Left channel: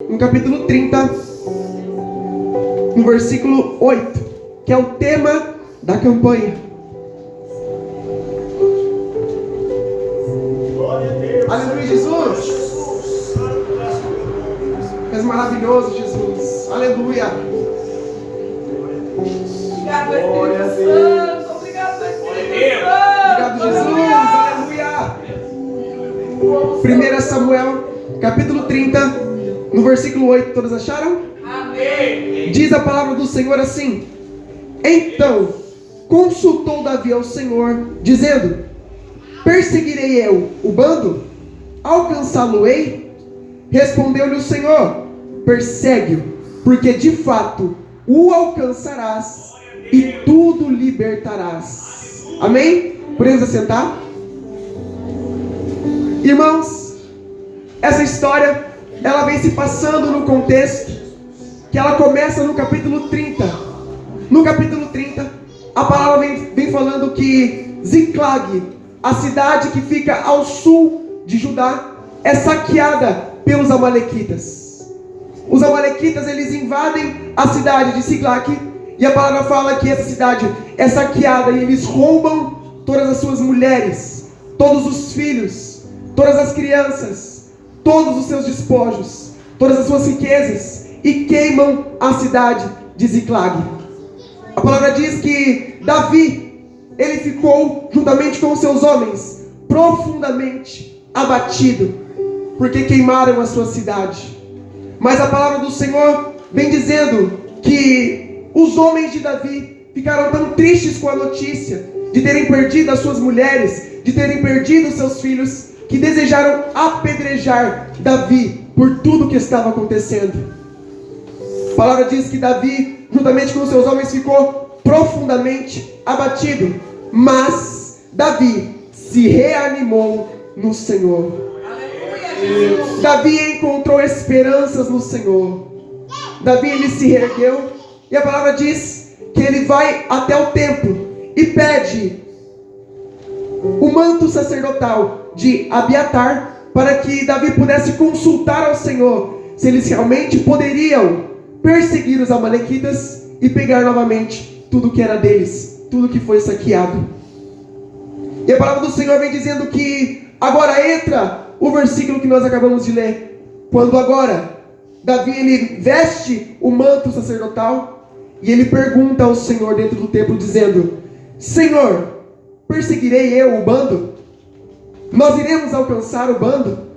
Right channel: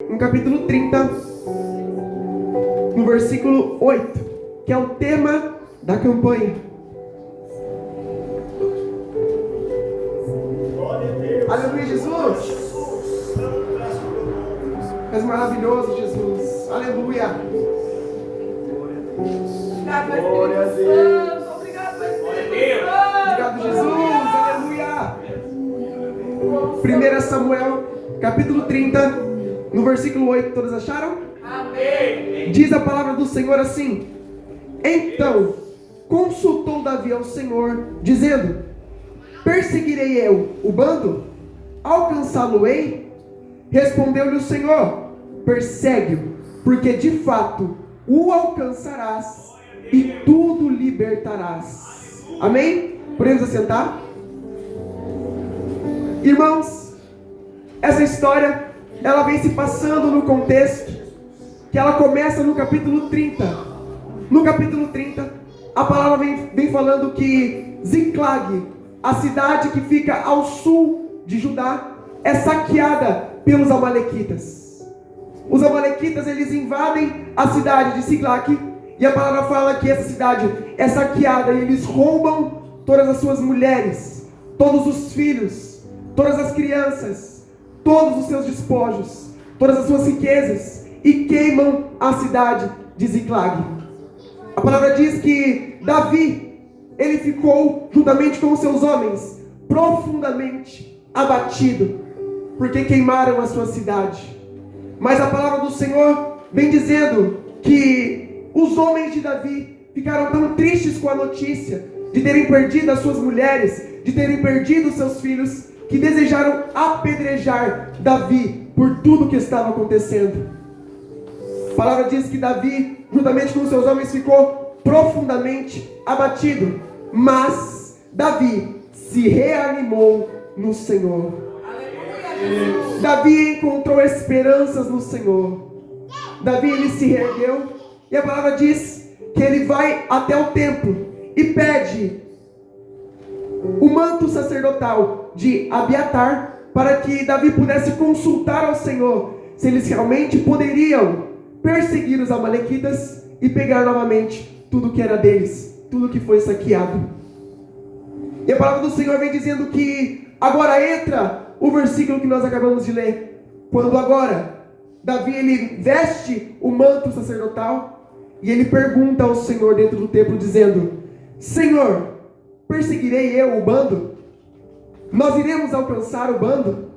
no capítulo 30, no versículo 8, que é o tema da campanha. Aleluia, Jesus! És maravilhoso, Jesus. Aleluia! Obrigado, Espírito Santo. Obrigado, Espírito Santo. Obrigado, Jesus. Aleluia! 1 Samuel, capítulo 30, no versículo 8. Todos acharam? Amém. Diz a palavra do Senhor assim: Então consultou Davi ao Senhor, dizendo: Perseguirei eu o bando? Alcançá-lo-ei? Respondeu-lhe o Senhor: Persegue-o, porque de fato o alcançarás e tudo libertarás. Amém? Podemos assentar? Irmãos, essa história ela vem se passando no contexto que ela começa no capítulo 30. No capítulo 30, a palavra vem falando que Ziclag, a cidade que fica ao sul de Judá, é saqueada pelos amalequitas. Os amalequitas, eles invadem a cidade de Ziclag, e a palavra fala que essa cidade é saqueada e eles roubam todas as suas mulheres, todos os filhos, todas as crianças, todos os seus despojos, todas as suas riquezas, e queimam a cidade de Ziclag. A palavra diz que Davi, ele ficou juntamente com os seus homens profundamente abatido, porque queimaram a sua cidade. Mas a palavra do Senhor vem dizendo que os homens de Davi ficaram tão tristes com a notícia de terem perdido as suas mulheres, de terem perdido os seus filhos, que desejaram apedrejar Davi por tudo que estava acontecendo. A palavra diz que Davi, juntamente com os seus homens, ficou profundamente abatido, mas Davi se reanimou no Senhor. Aleluia. Davi encontrou esperanças no Senhor. Davi, ele se reergueu, e a palavra diz que ele vai até o templo e pede o manto sacerdotal de Abiatar, para que Davi pudesse consultar ao Senhor se eles realmente poderiam perseguir os amalequitas e pegar novamente tudo que era deles, tudo que foi saqueado. E a palavra do Senhor vem dizendo que agora entra o versículo que nós acabamos de ler, quando agora Davi, ele veste o manto sacerdotal e ele pergunta ao Senhor dentro do templo, dizendo: Senhor, perseguirei eu o bando? Nós iremos alcançar o bando?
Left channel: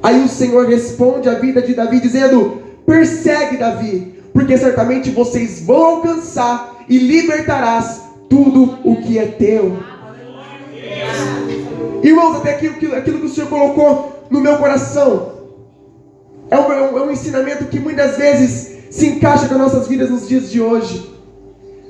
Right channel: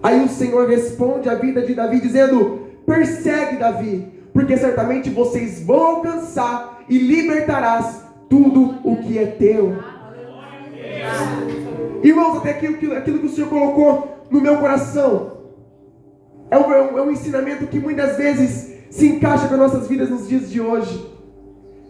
Aí o Senhor responde à vida de Davi dizendo: persegue, Davi, porque certamente vocês vão alcançar e libertarás tudo o que é teu. Irmãos, até aquilo que o Senhor colocou no meu coração é um ensinamento que muitas vezes se encaixa com nossas vidas nos dias de hoje.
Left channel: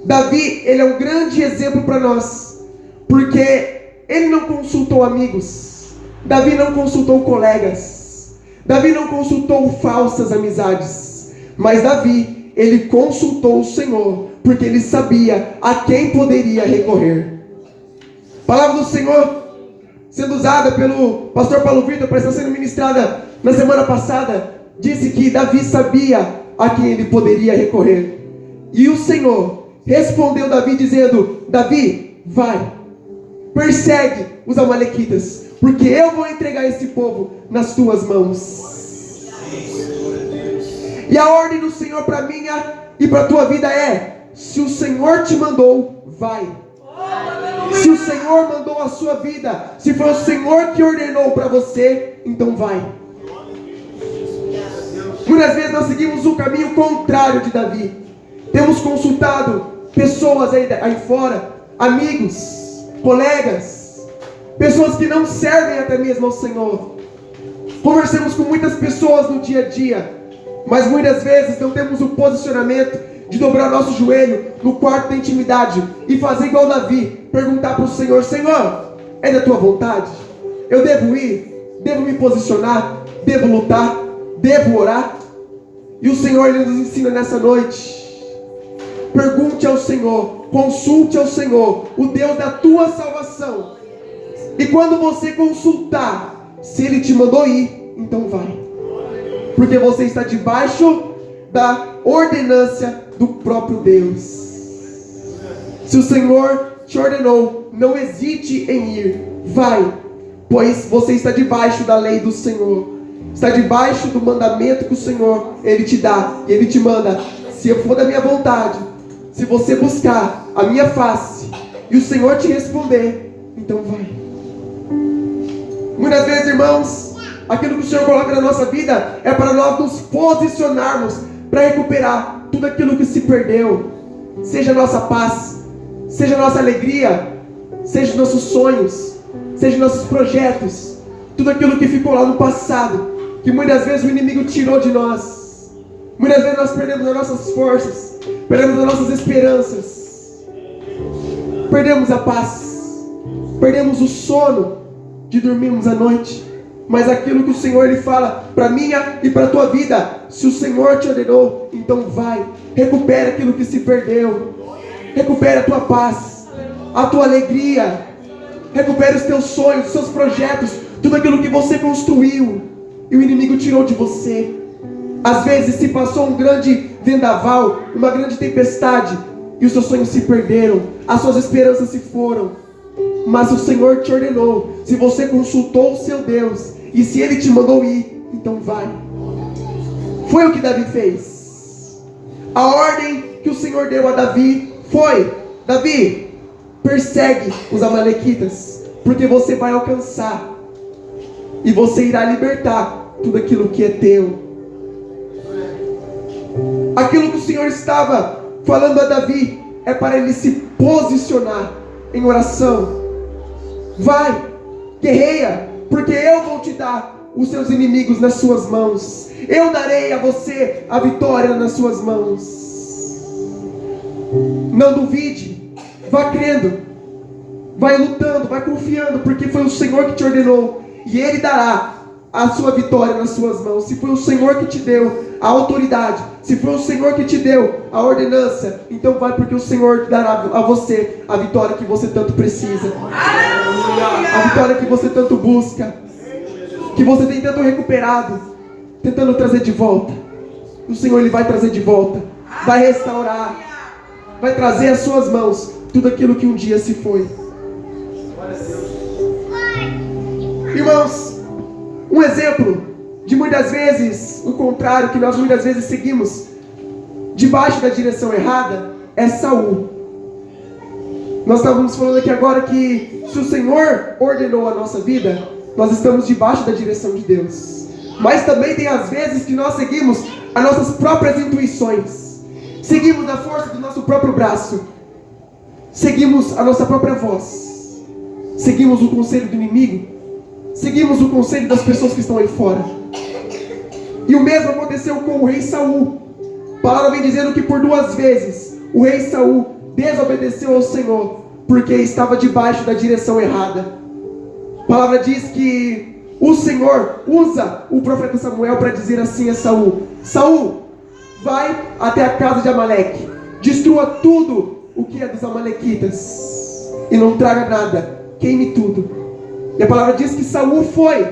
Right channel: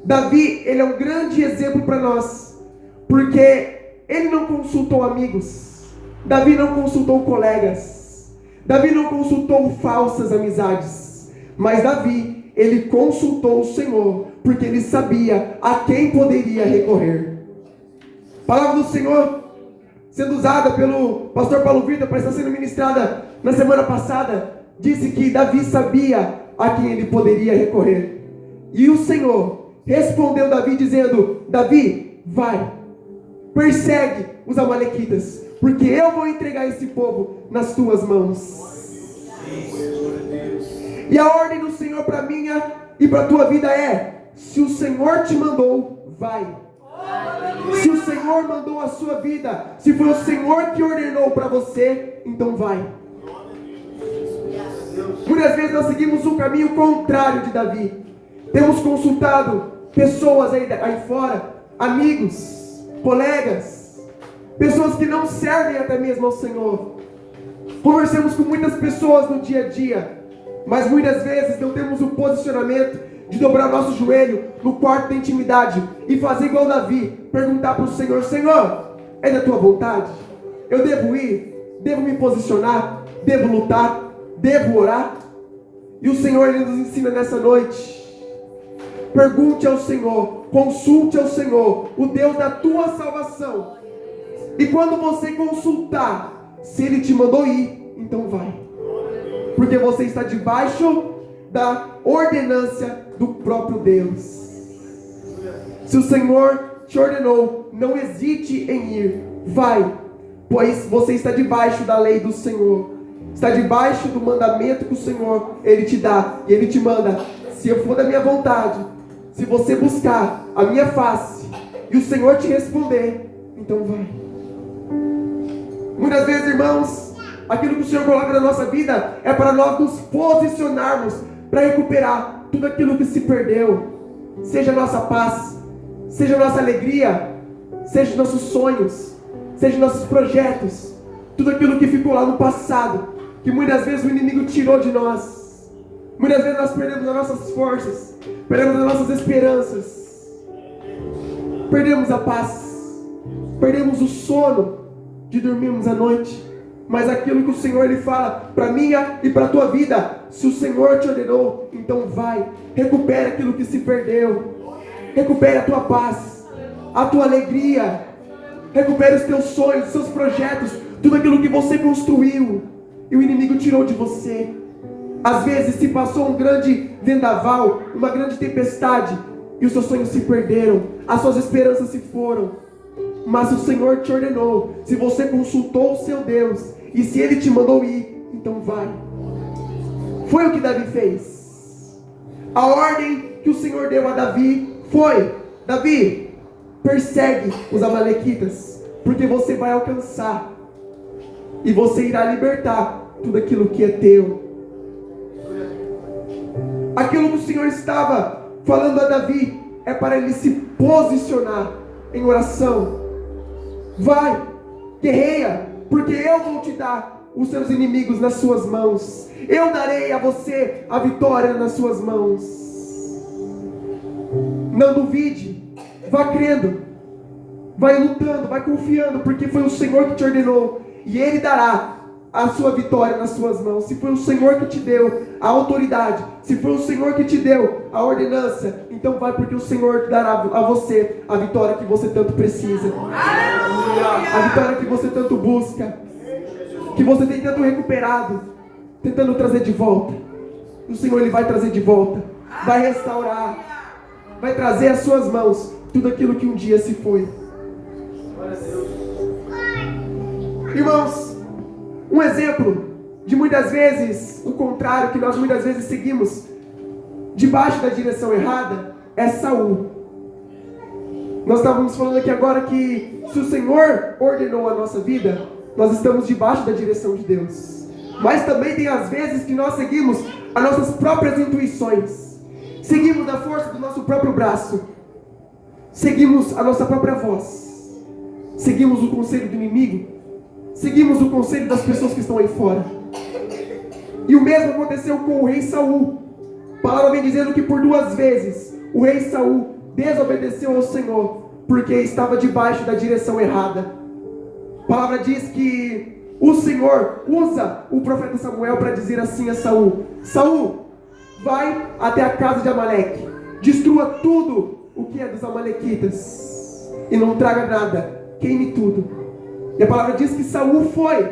Davi, ele é um grande exemplo para nós, porque ele não consultou amigos, Davi não consultou colegas, Davi não consultou falsas amizades, mas Davi, ele consultou o Senhor, porque ele sabia a quem poderia recorrer. A palavra do Senhor sendo usada pelo pastor Paulo Vitor para estar sendo ministrada na semana passada, disse que Davi sabia a quem ele poderia recorrer. E o Senhor respondeu Davi dizendo: Davi, vai, persegue os amalequitas, porque eu vou entregar esse povo nas tuas mãos. E a ordem do Senhor para minha e para a tua vida é: se o Senhor te mandou, vai. Se o Senhor mandou a sua vida, se foi o Senhor que ordenou para você, então vai. Muitas vezes nós seguimos o caminho contrário de Davi. Temos consultado pessoas aí fora, amigos, colegas, pessoas que não servem até mesmo ao Senhor. Conversamos com muitas pessoas no dia a dia, mas muitas vezes não temos o posicionamento de dobrar nosso joelho no quarto da intimidade e fazer igual Davi, perguntar para o Senhor: Senhor, é da tua vontade? Eu devo ir? Devo me posicionar? Devo lutar? Devo orar? E o Senhor, ele nos ensina nessa noite: pergunte ao Senhor, consulte ao Senhor, o Deus da tua salvação, e quando você consultar, se Ele te mandou ir, então vai. Porque você está debaixo da ordenância do próprio Deus. Se o Senhor te ordenou, não hesite em ir, vai, pois você está debaixo da lei do Senhor, está debaixo do mandamento que o Senhor, Ele te dá, e Ele te manda. Se eu for da minha vontade, se você buscar a minha face, e o Senhor te responder, então vai. Muitas vezes, irmãos, aquilo que o Senhor coloca na nossa vida é para nós nos posicionarmos para recuperar tudo aquilo que se perdeu, seja a nossa paz, seja a nossa alegria, seja os nossos sonhos, seja os nossos projetos, tudo aquilo que ficou lá no passado, que muitas vezes o inimigo tirou de nós. Muitas vezes nós perdemos as nossas forças, perdemos as nossas esperanças, perdemos a paz, perdemos o sono de dormirmos à noite. Mas aquilo que o Senhor Ele fala para minha e para a tua vida, se o Senhor te ordenou, então vai, recupera aquilo que se perdeu, recupera a tua paz, a tua alegria, recupera os teus sonhos, os seus projetos, tudo aquilo que você construiu e o inimigo tirou de você. Às vezes se passou um grande vendaval, uma grande tempestade, e os seus sonhos se perderam, as suas esperanças se foram. Mas o Senhor te ordenou, se você consultou o seu Deus, e se Ele te mandou ir, então vai. Foi o que Davi fez. A ordem que o Senhor deu a Davi foi: Davi, persegue os amalequitas, porque você vai alcançar, e você irá libertar tudo aquilo que é teu. Aquilo que o Senhor estava falando a Davi é para ele se posicionar em oração. Vai, guerreia, porque eu vou te dar os seus inimigos nas suas mãos. Eu darei a você a vitória nas suas mãos. Não duvide, vá crendo, vai lutando, vai confiando, porque foi o Senhor que te ordenou, e Ele dará a sua vitória nas suas mãos. Se foi o Senhor que te deu a autoridade, se foi o Senhor que te deu a ordenança, então vai, porque o Senhor dará a você a vitória que você tanto precisa, a vitória que você tanto busca, que você tem tanto recuperado, tentando trazer de volta. O Senhor Ele vai trazer de volta, vai restaurar, vai trazer às suas mãos tudo aquilo que um dia se foi. Irmãos, um exemplo de muitas vezes o contrário, que nós muitas vezes seguimos debaixo da direção errada, é Saul. Nós estávamos falando aqui agora que se o Senhor ordenou a nossa vida, nós estamos debaixo da direção de Deus. Mas também tem às vezes que nós seguimos as nossas próprias intuições, seguimos na força do nosso próprio braço, seguimos a nossa própria voz, seguimos o conselho do inimigo, seguimos o conselho das pessoas que estão aí fora. E o mesmo aconteceu com o rei Saul. A palavra vem dizendo que por 2 vezes o rei Saul desobedeceu ao Senhor, porque estava debaixo da direção errada. A palavra diz que o Senhor usa o profeta Samuel para dizer assim a Saul: Saul, vai até a casa de Amaleque, destrua tudo o que é dos amalequitas, e não traga nada, queime tudo. E a palavra diz que Saul foi,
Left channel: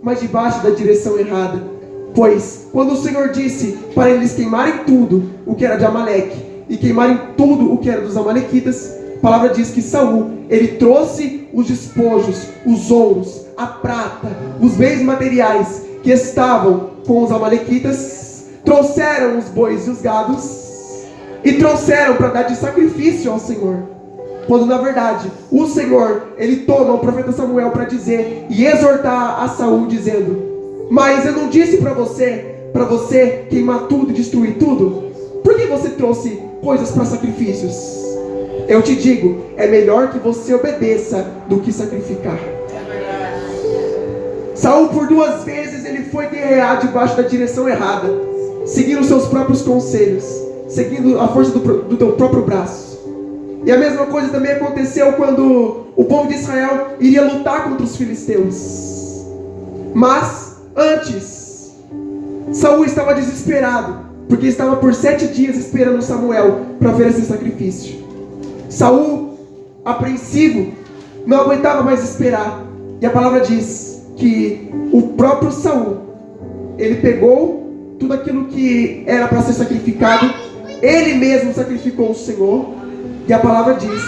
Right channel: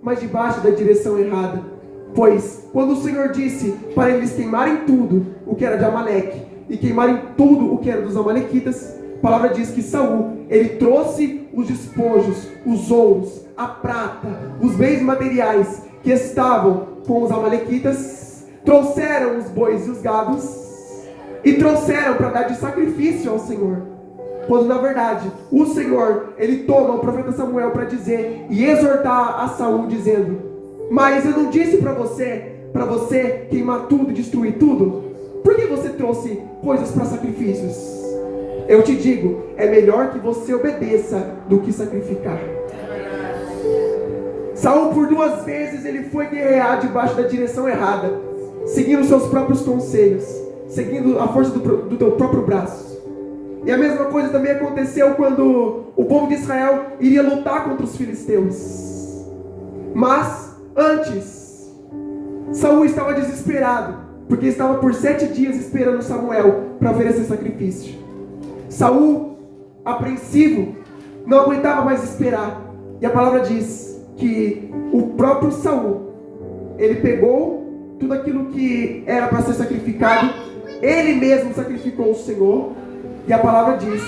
mas debaixo da direção errada. Pois quando o Senhor disse para eles queimarem tudo o que era de Amaleque e queimarem tudo o que era dos amalequitas, a palavra diz que Saul, ele trouxe os despojos, os ouros, a prata, os bens materiais que estavam com os amalequitas, trouxeram os bois e os gados e trouxeram para dar de sacrifício ao Senhor. Quando na verdade o Senhor, ele toma o profeta Samuel para dizer e exortar a Saul, dizendo: mas eu não disse para você queimar tudo e destruir tudo? Por que você trouxe coisas para sacrifícios? Eu te digo, é melhor que você obedeça do que sacrificar. Saul por 2 vezes ele foi guerrear debaixo da direção errada, seguindo seus próprios conselhos, seguindo a força do teu próprio braço. E a mesma coisa também aconteceu quando o povo de Israel iria lutar contra os filisteus. Mas antes, Saul estava desesperado, porque estava por 7 dias esperando Samuel para oferecer sacrifício. Saul, apreensivo, não aguentava mais esperar. E a palavra diz que o próprio Saul, ele pegou tudo aquilo que era para ser sacrificado, ele mesmo sacrificou o Senhor. E a palavra diz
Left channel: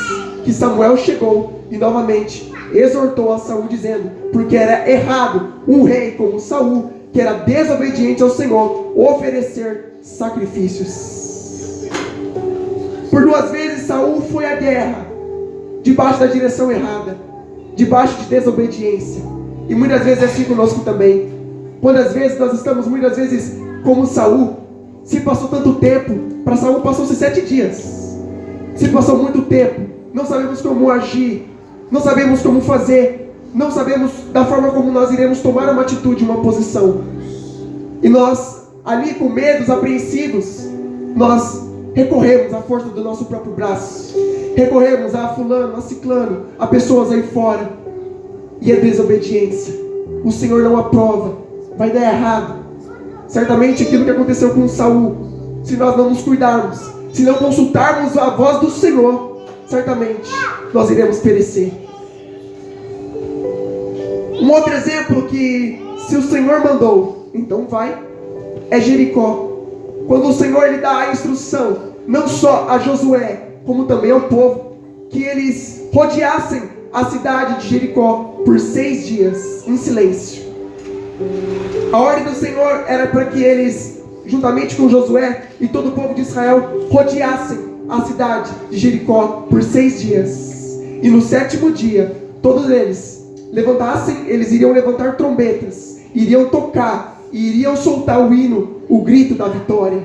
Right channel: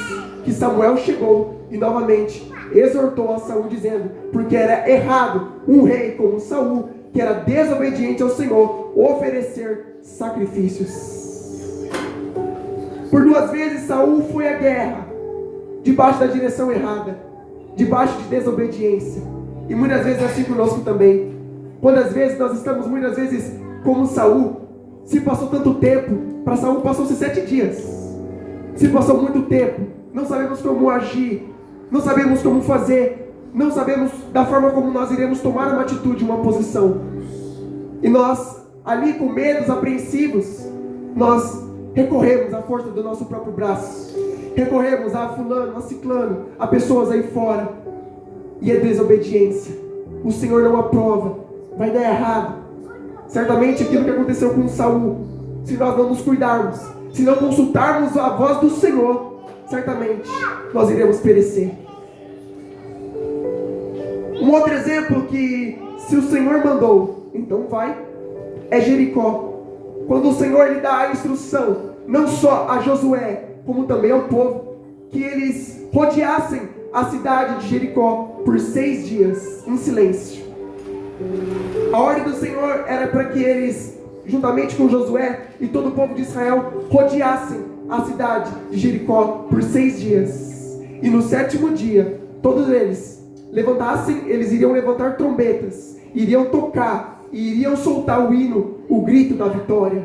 que Samuel chegou e novamente exortou a Saul, dizendo, porque era errado um rei como Saul, que era desobediente ao Senhor, oferecer sacrifícios. Por 2 vezes Saul foi à guerra, debaixo da direção errada, debaixo de desobediência. E muitas vezes é assim conosco também. Quantas vezes nós estamos, muitas vezes, como Saul, se passou tanto tempo, para Saul passou-se 7 dias. Se passou muito tempo, não sabemos como agir, não sabemos como fazer, não sabemos da forma como nós iremos tomar uma atitude, uma posição. E nós, ali com medos, apreensivos, nós recorremos à força do nosso próprio braço, recorremos a fulano, a ciclano, a pessoas aí fora, e é desobediência. O Senhor não aprova, vai dar errado. Certamente aquilo que aconteceu com Saul, se nós não nos cuidarmos, se não consultarmos a voz do Senhor, certamente nós iremos perecer. Um outro exemplo que, se o Senhor mandou, então vai, é Jericó. Quando o Senhor lhe dá a instrução, não só a Josué, como também ao povo, que eles rodeassem a cidade de Jericó por 6 dias, em silêncio. A ordem do Senhor era para que eles, juntamente com Josué e todo o povo de Israel, rodeassem a cidade de Jericó por 6 dias. E no 7º dia, todos eles levantassem, eles iriam levantar trombetas, iriam tocar, e iriam soltar o hino, o grito da vitória.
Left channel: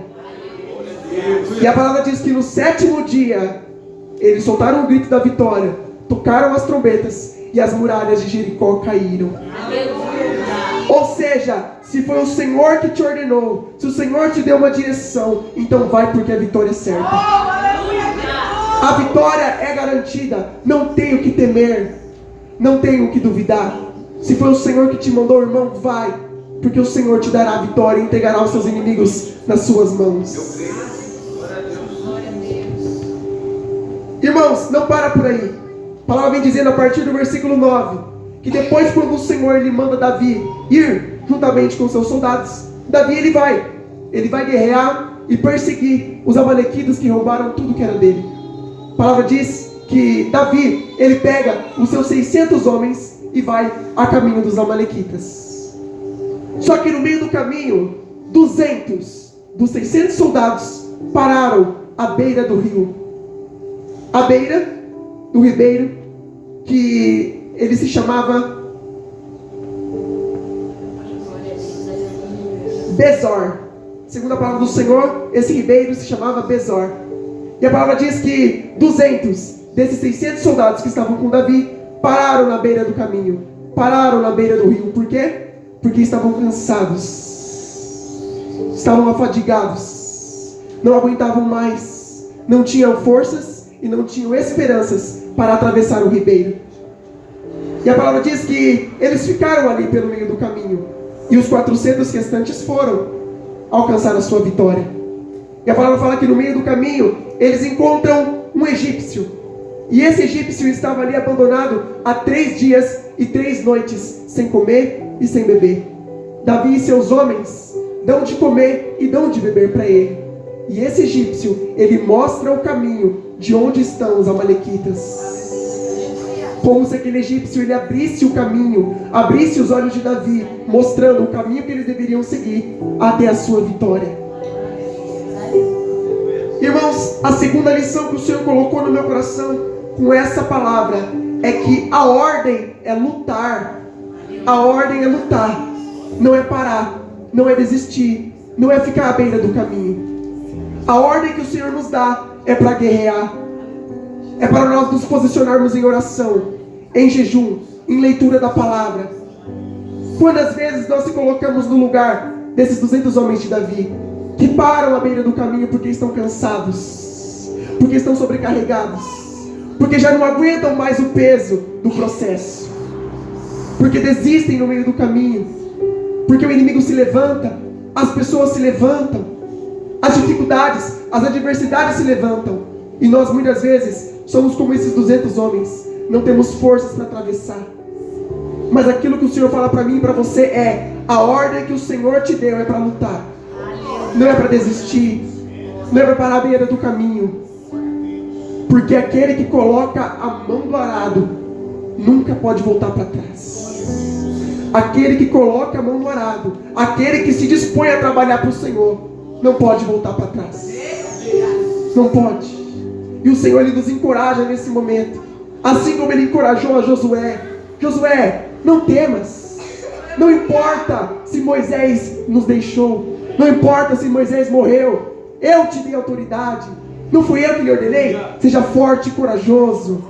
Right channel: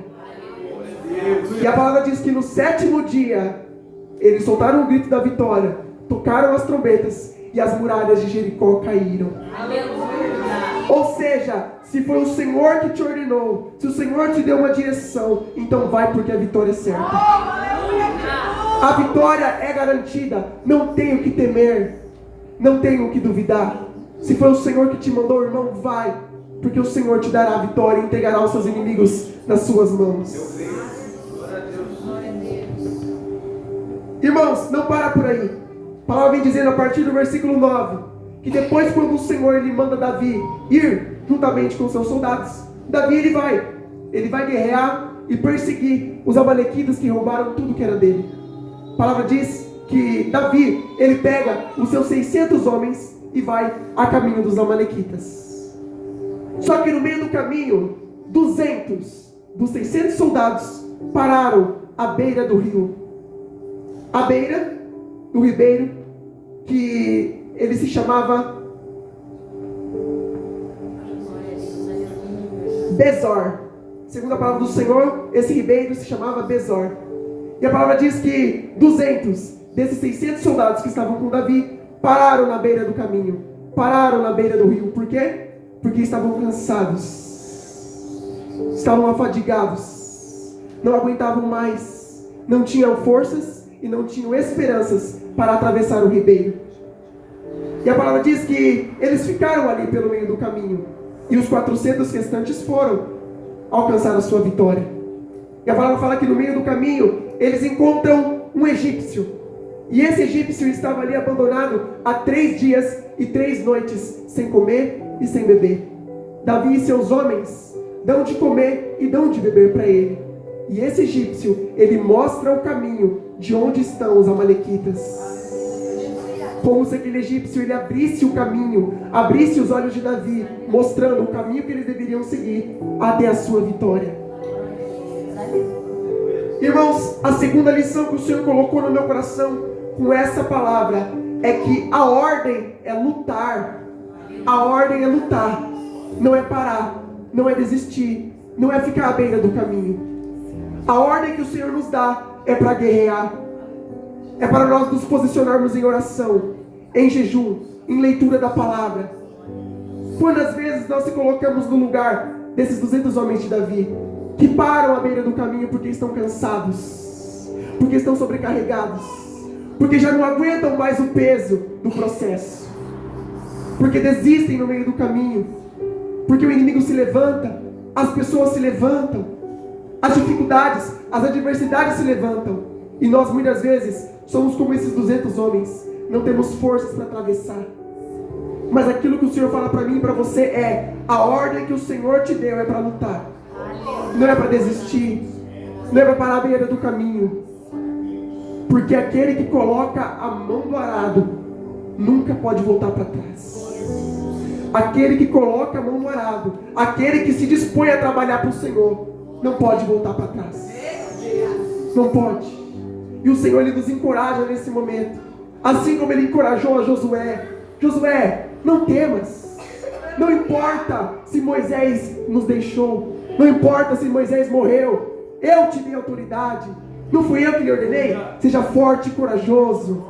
E a palavra diz que no 7º dia, eles soltaram o grito da vitória, tocaram as trombetas, e as muralhas de Jericó caíram. Ou seja, se foi o Senhor que te ordenou, se o Senhor te deu uma direção, então vai, porque a vitória é certa. A vitória é garantida, não tenho o que temer, não tenho o que duvidar. Se foi o Senhor que te mandou, irmão, vai, porque o Senhor te dará a vitória e entregará os seus inimigos nas suas mãos. Irmãos, não para por aí. A palavra vem dizendo a partir do versículo 9, que depois, quando o Senhor lhe manda Davi ir juntamente com seus soldados, Davi ele vai guerrear e perseguir os amalequitas que roubaram tudo que era dele. A palavra diz que Davi, ele pega os seus 600 homens e vai a caminho dos amalequitas. Só que no meio do caminho, 200 dos 600 soldados pararam à beira do rio. À beira do ribeiro, que ele se chamava Besor. Segundo a palavra do Senhor, esse ribeiro se chamava Besor. E a palavra diz que 200 desses 600 soldados que estavam com Davi pararam na beira do caminho, pararam na beira do rio. Por quê? Porque estavam cansados, estavam afadigados, não aguentavam mais, não tinham forças e não tinham esperanças para atravessar o ribeiro. E a palavra diz que eles ficaram ali pelo meio do caminho, e os 400 restantes foram alcançar a sua vitória. E a palavra fala que no meio do caminho eles encontram um egípcio, e esse egípcio estava ali abandonado há 3 dias e 3 noites, sem comer e sem beber. Davi e seus homens dão de comer e dão de beber para ele. E esse egípcio, ele mostra o caminho de onde estão os amalequitas. Como se aquele egípcio, ele abrisse o caminho, abrisse os olhos de Davi, mostrando o caminho que eles deveriam seguir até a sua vitória. Irmãos, a segunda lição que o Senhor colocou no meu coração com essa palavra é que a ordem é lutar. A ordem é lutar, não é parar, não é desistir, não é ficar à beira do caminho. A ordem que o Senhor nos dá é para guerrear, é para nós nos posicionarmos em oração, em jejum, em leitura da palavra. Quantas vezes nós se colocamos no lugar desses 200 homens de Davi, que param à beira do caminho porque estão cansados, porque estão sobrecarregados, porque já não aguentam mais o peso do processo, porque desistem no meio do caminho, porque o inimigo se levanta, as pessoas se levantam, as dificuldades, as adversidades se levantam, e nós muitas vezes somos como esses 200 homens, não temos forças para atravessar. Mas aquilo que o Senhor fala para mim e para você é: a ordem que o Senhor te deu é para lutar. não é para desistir, não é para parar à beira do caminho, porque aquele que coloca a mão do arado nunca pode voltar para trás. Aquele que coloca a mão no arado, aquele que se dispõe a trabalhar para o Senhor, não pode voltar para trás. Não pode. E o Senhor, Ele nos encoraja nesse momento, assim como Ele encorajou a Josué. Josué, não temas. Não importa se Moisés nos deixou, não importa se Moisés morreu, eu te dei autoridade. Não fui eu que lhe ordenei? Seja forte e corajoso.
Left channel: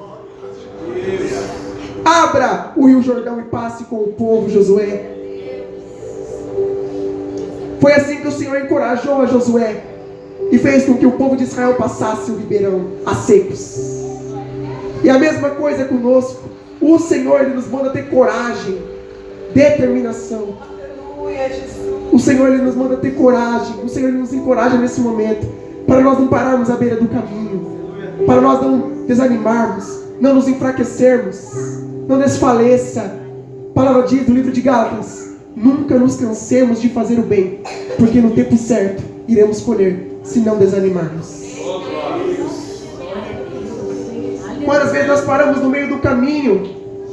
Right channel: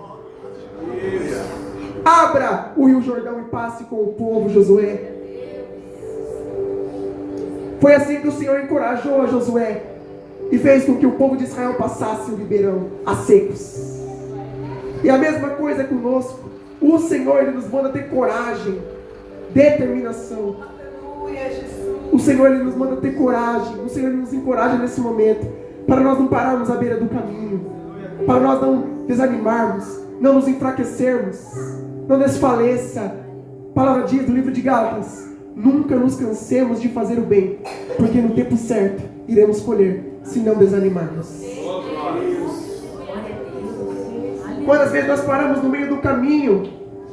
Abra o Rio Jordão e passe com o povo, Josué. Foi assim que o Senhor encorajou a Josué e fez com que o povo de Israel passasse o ribeirão a secos. E a mesma coisa é conosco. O Senhor, Ele nos manda ter coragem, determinação. O Senhor, Ele nos manda ter coragem. O Senhor, Ele nos encoraja nesse momento, para nós não pararmos à beira do caminho, para nós não desanimarmos, não nos enfraquecermos, não desfaleça. A palavra diz no livro de Gálatas: nunca nos cansemos de fazer o bem, porque no tempo certo iremos colher, se não desanimarmos. Quantas vezes nós paramos no meio do caminho,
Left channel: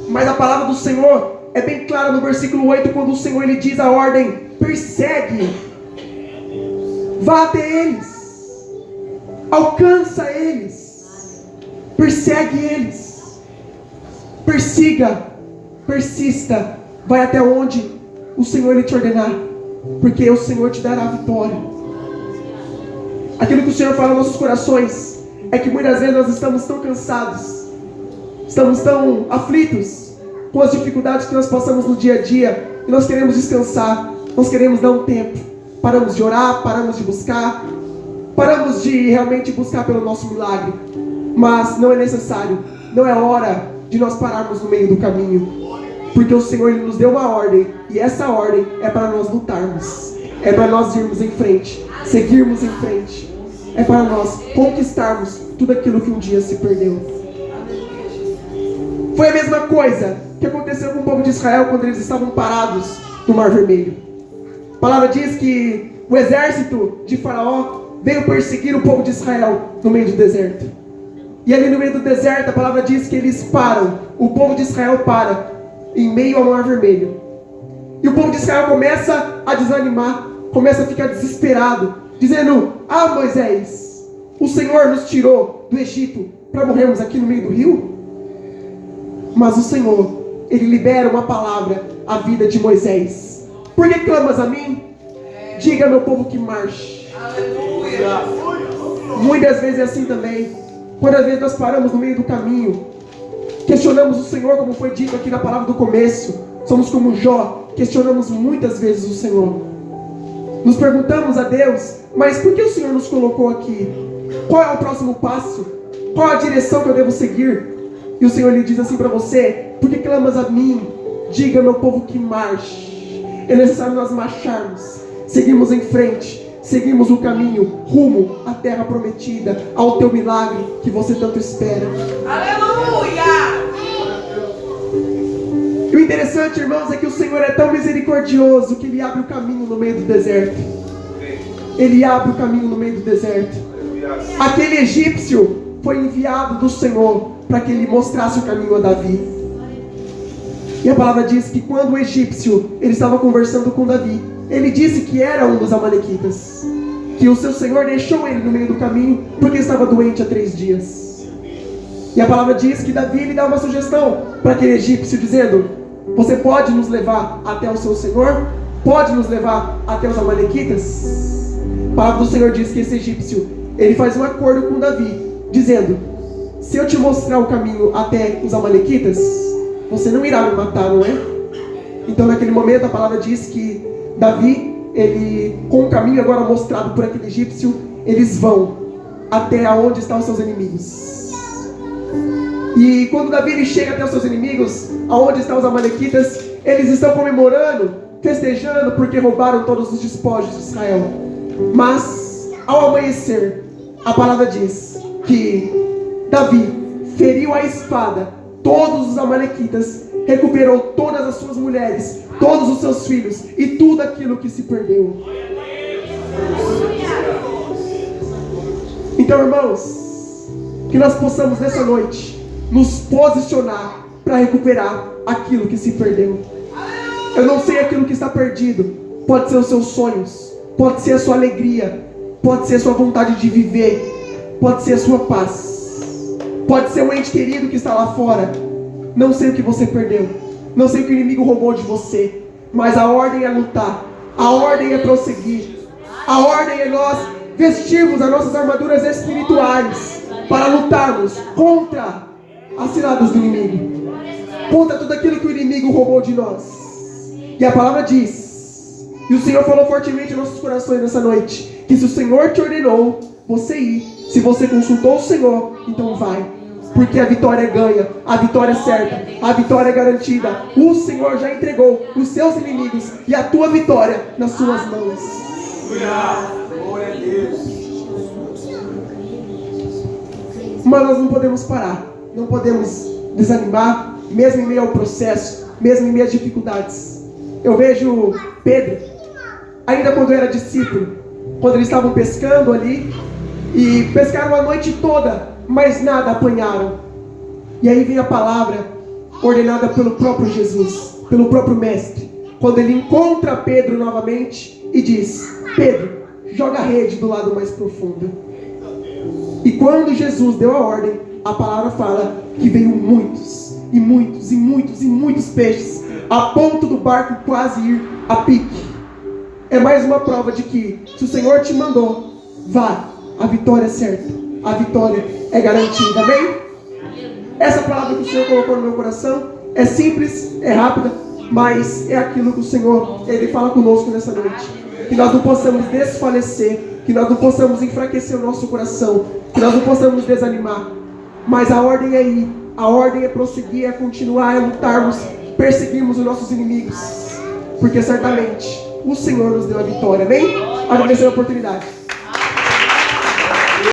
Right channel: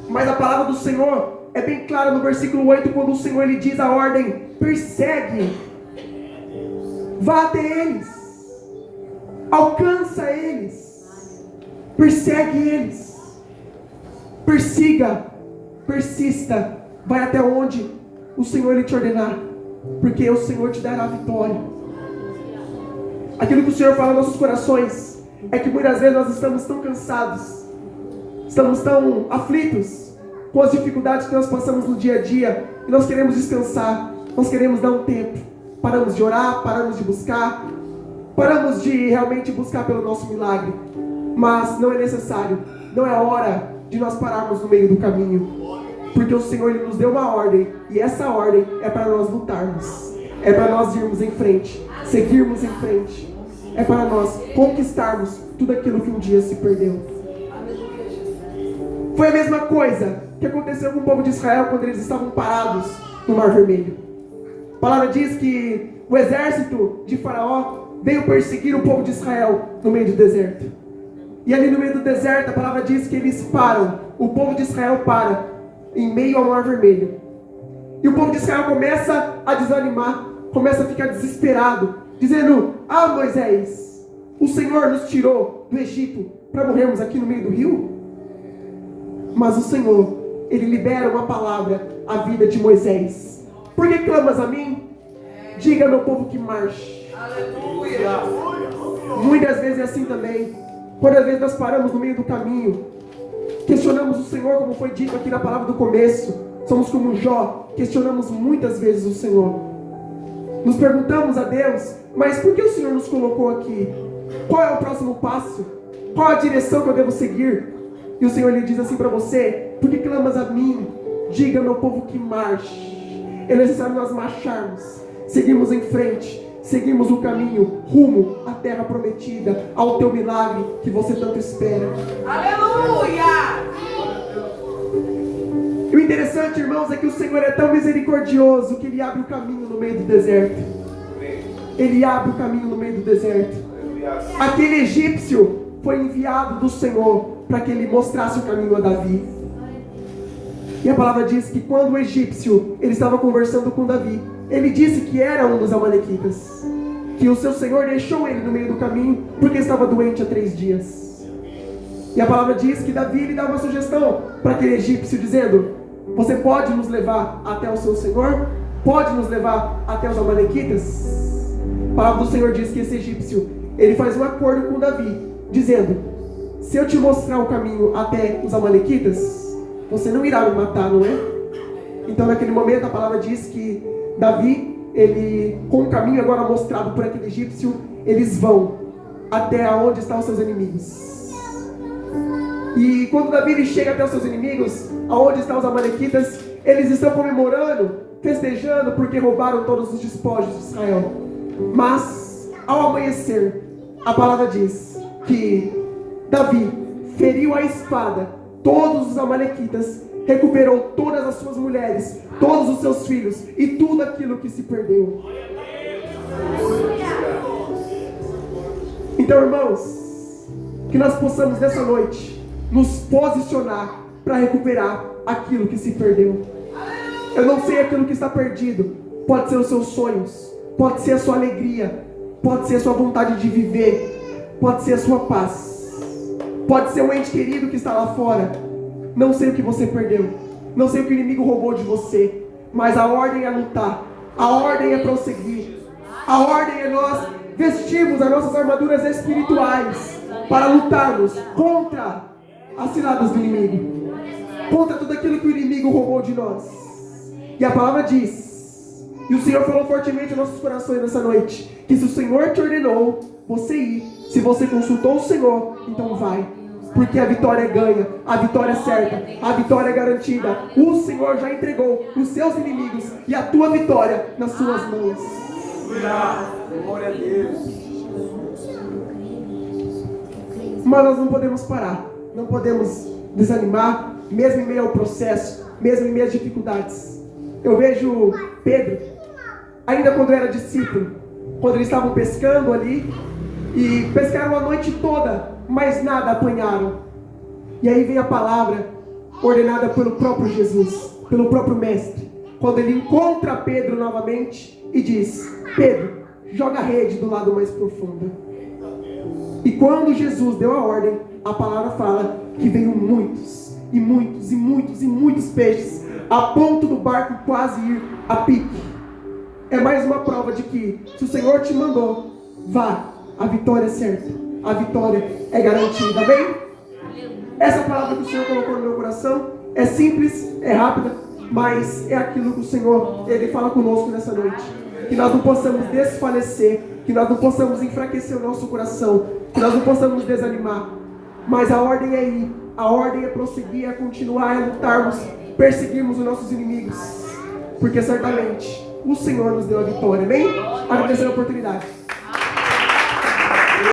mas a palavra do Senhor é bem clara no versículo 8, quando o Senhor, Ele diz a ordem: persegue, vá até eles, alcança eles, persegue eles, persiga, persista, vai até onde o Senhor, Ele te ordenar, porque o Senhor te dará a vitória. Aquilo que o Senhor fala nos nossos corações é que muitas vezes nós estamos tão cansados, estamos tão aflitos com as dificuldades que nós passamos no dia a dia, e nós queremos descansar, nós queremos dar um tempo, paramos de orar, paramos de buscar, paramos de realmente buscar pelo nosso milagre. Mas não é necessário, não é hora de nós pararmos no meio do caminho, porque o Senhor, Ele nos deu uma ordem, e essa ordem é para nós lutarmos, é para nós irmos em frente, seguirmos em frente, é para nós conquistarmos tudo aquilo que um dia se perdeu. Foi a mesma coisa que aconteceu com o povo de Israel quando eles estavam parados no Mar Vermelho. A palavra diz que o exército de Faraó veio perseguir o povo de Israel no meio do deserto. E ali no meio do deserto, a palavra diz que eles param, o povo de Israel para em meio ao Mar Vermelho. E o povo de Israel começa a desanimar, começa a ficar desesperado, dizendo: ah, Moisés, o Senhor nos tirou do Egito para morrermos aqui no meio do rio? Mas o Senhor, Ele libera uma palavra à vida de Moisés: por que clamas a mim? Diga ao meu povo que marche. Aleluia. Muitas vezes é assim também. Quantas vezes nós paramos no meio do caminho, questionamos o Senhor, como foi dito aqui na palavra do começo. Somos como Jó, questionamos muitas vezes o Senhor. Nos perguntamos a Deus: mas por que o Senhor nos colocou aqui? Qual é o próximo passo? Qual a direção que eu devo seguir? E o Senhor lhe diz assim para você: por que clamas a mim? Diga ao meu povo que marche. É necessário nós marcharmos, seguirmos em frente, seguimos o caminho rumo à terra prometida, ao teu milagre que você tanto espera. Aleluia! E o interessante, irmãos, é que o Senhor é tão misericordioso que Ele abre o caminho no meio do deserto. Ele abre o caminho no meio do deserto. Aquele egípcio foi enviado do Senhor para que ele mostrasse o caminho a Davi. E a palavra diz que quando o egípcio ele estava conversando com Davi, ele disse que era um dos amalequitas, que o seu Senhor deixou ele no meio do caminho porque estava doente há 3 dias. E a palavra diz que Davi lhe dá uma sugestão para aquele egípcio, dizendo: você pode nos levar até o seu Senhor? Pode nos levar até os amalequitas? A palavra do Senhor diz que esse egípcio ele faz um acordo com Davi, dizendo: se eu te mostrar o caminho até os amalequitas, você não irá me matar, não é? Então naquele momento a palavra diz que Davi, ele, com o caminho agora mostrado por aquele egípcio, eles vão até onde estão os seus inimigos. E quando Davi ele chega até os seus inimigos, aonde estão os amalequitas, eles estão comemorando, festejando, porque roubaram todos os despojos de Israel. Mas ao amanhecer, a palavra diz que Davi feriu a espada todos os amalequitas, recuperou todas as suas mulheres, todos os seus filhos e tudo aquilo que se perdeu. Então, irmãos, que nós possamos nessa noite nos posicionar para recuperar aquilo que se perdeu. Eu não sei aquilo que está perdido. Pode ser os seus sonhos, pode ser a sua alegria, pode ser a sua vontade de viver, pode ser a sua paz, pode ser um ente querido que está lá fora. Não sei o que você perdeu, não sei o que o inimigo roubou de você, mas a ordem é lutar, a ordem é prosseguir, a ordem é nós vestirmos as nossas armaduras espirituais para lutarmos contra as ciladas do inimigo, contra tudo aquilo que o inimigo roubou de nós. E a palavra diz, e o Senhor falou fortemente em nossos corações nessa noite, que se o Senhor te ordenou você ir, se você consultou o Senhor, então vai, porque a vitória é ganha, a vitória é certa, a vitória é garantida. O Senhor já entregou os seus inimigos e a tua vitória nas suas mãos. Glória a Deus. Mas nós não podemos parar, não podemos desanimar, mesmo em meio ao processo, mesmo em meio às dificuldades. Eu vejo Pedro, ainda quando era discípulo, quando eles estavam pescando ali, e pescaram a noite toda, mas nada apanharam. E aí vem a palavra ordenada pelo próprio Jesus, pelo próprio Mestre, quando ele encontra Pedro novamente e diz: Pedro, joga a rede do lado mais profundo. E quando Jesus deu a ordem, a palavra fala que veio muitos, e muitos, e muitos, e muitos peixes, a ponto do barco quase ir a pique. É mais uma prova de que, se o Senhor te mandou, vá, a vitória é certa, a vitória é garantida, amém? Essa palavra que o Senhor colocou no meu coração é simples, é rápida, mas é aquilo que o Senhor, Ele fala conosco nessa noite. Que nós não possamos desfalecer, que nós não possamos enfraquecer o nosso coração, que nós não possamos desanimar, mas a ordem é ir, a ordem é prosseguir, é continuar, é lutarmos, perseguirmos os nossos inimigos, porque certamente o Senhor nos deu a vitória, amém? Agradecer a oportunidade.